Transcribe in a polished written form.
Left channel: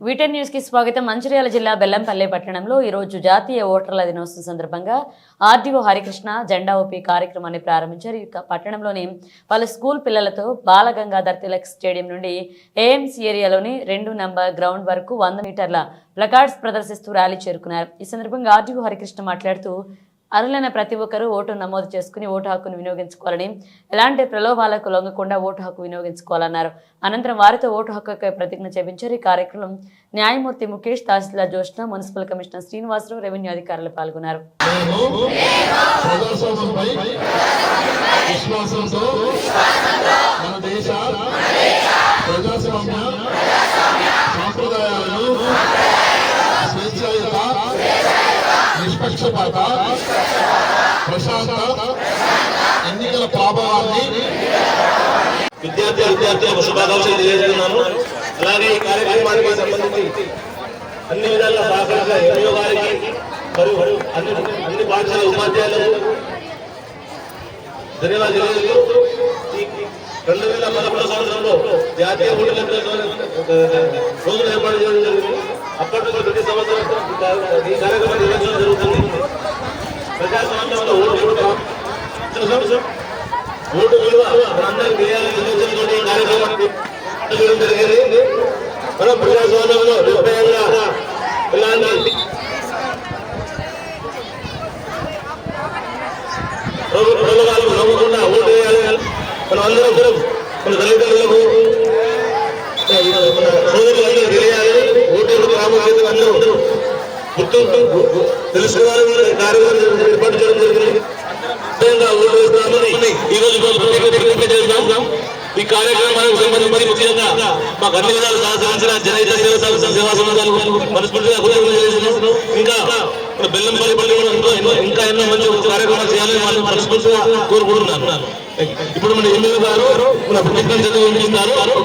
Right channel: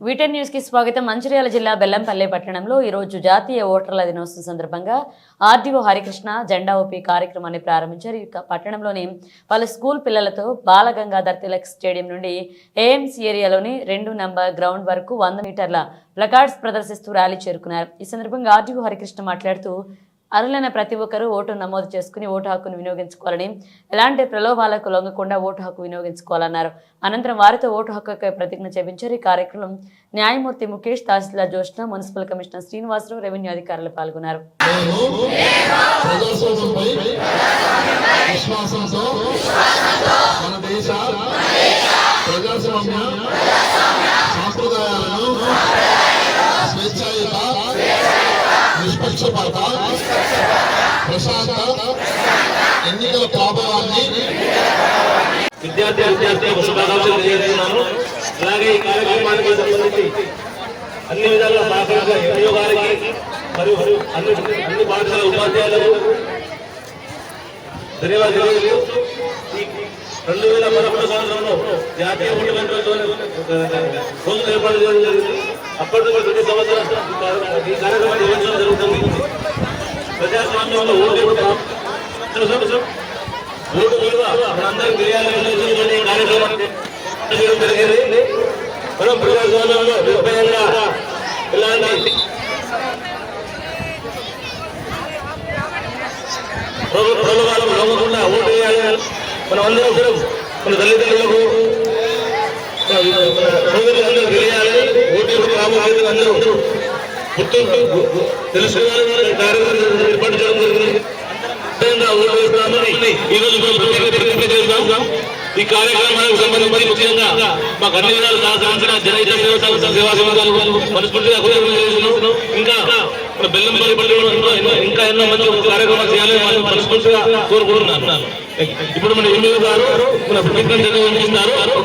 వీటెన్ news కి స్వాగతం. మంచిర్యాల జిల్లా బెల్లంపల్లి పట్టణంలో ఈ రోజు జాతీయ ఓటర్ల దినోత్సవం సందర్భంగా ఆర్డీఓ హరికృష్ణ జెండా ఊపి కార్యక్రమాన్ని ప్రారంభించారు. ఈ పట్టణంలోని పలు స్కూల్ పిల్లలతో బాలగంగాధర్ తిలక్ స్టేడియం నుండి ఏఎంసీ ఏరియాలోని 2 నంబర్ గ్రౌండ్ వరకు 100 మీటర్ల ప్లకార్డ్స్ ప్రదర్శిస్తూ ర్యాలీ చేరుకున్నారు. ఈ సందర్భంగా ఆర్డీఓ హరికృష్ణ మాట్లాడుతూ అర్హులైన ప్రతి ఒక్కరూ ఓటు నమోదు చేసుకుని ఓటు హక్కును వినియోగించుకోవాలని, ఎలాంటి ప్రలోభాలకు లొంగకుండా ఓటు హక్కు వినియోగించుకోవాలన్నారు. అనంతరం వారితో ఓటు హక్కుపై ప్రతిజ్ఞ చేయించారు. ఈ కార్యక్రమం న్యాయమూర్తి ముఖేష్, తహసీల్దార్ Jyoshna, municipal commissioner Srinivasarao, revenue అధికారులు పాల్గొన్నారు. నిష్పక్షపాత ప్రశాంత ఎన్నికల ప్రభావాన్ని విద్యార్థులకు శుభాకాంక్షలు తెలియజేస్తున్నాను. అలాగే ఈ కార్యక్రమానికి సంబంధించి అన్ని విధాల సహకారంగా ఎంఓ గారికి మరియు అన్ని పాఠశాల ఉపాధ్యాయులకు ధన్యవాదాలు తెలియజేస్తూ 2011 సంవత్సరంలో జాతీయ ఓటర్ల రోజులు ఏర్పాటు చేయడం జరిగింది. అప్పటి నుంచి ప్రతి సంవత్సరం ఈ కార్యక్రమం నిర్వహించడం జరుగుతుంది. ప్రజాస్వామ్యంలో ఓటు విలువ మనందరికీ తెలియాలనే కార్యక్రమాన్ని చేయడం జరిగింది. మనం ప్రజాస్వామ్యంలో నిర్భయంగా ఇలాంటి ప్రభుత్వాలను నమ్మకుండా ఓటు వేయాలి. మనం అందరం కూడా మన తల్లిదండ్రులకు సోదరులందరూ తెలియాలి. ఓటు ప్రాముఖ్యతలు అందరూ గుర్తుంటూ తెలుసుకోవాలని కార్యక్రమం ఏర్పాటు చేయడం జరిగింది. ఓటు వేస్తామని ఈ రోజు ప్రతిజ్ఞ చేస్తాం. ఈ కార్యక్రమానికి సంబంధించి ముఖ్యంగా మాకు అన్ని విధాలు సహకరించిన జనహిత సేవా సంఘాలు మనస్ఫూర్తిగా ఇంకా బెల్లంపల్లి పట్టణంలో ఇంకా ఎన్నో మంచి కార్యక్రమాలు చేయాలని వాళ్ళు మనస్ఫూర్తిగా కోరుకుంటున్నాను. ఇప్పుడు మన ఎమ్మెల్యే గారు ప్రతిజ్ఞ చేస్తున్నారు.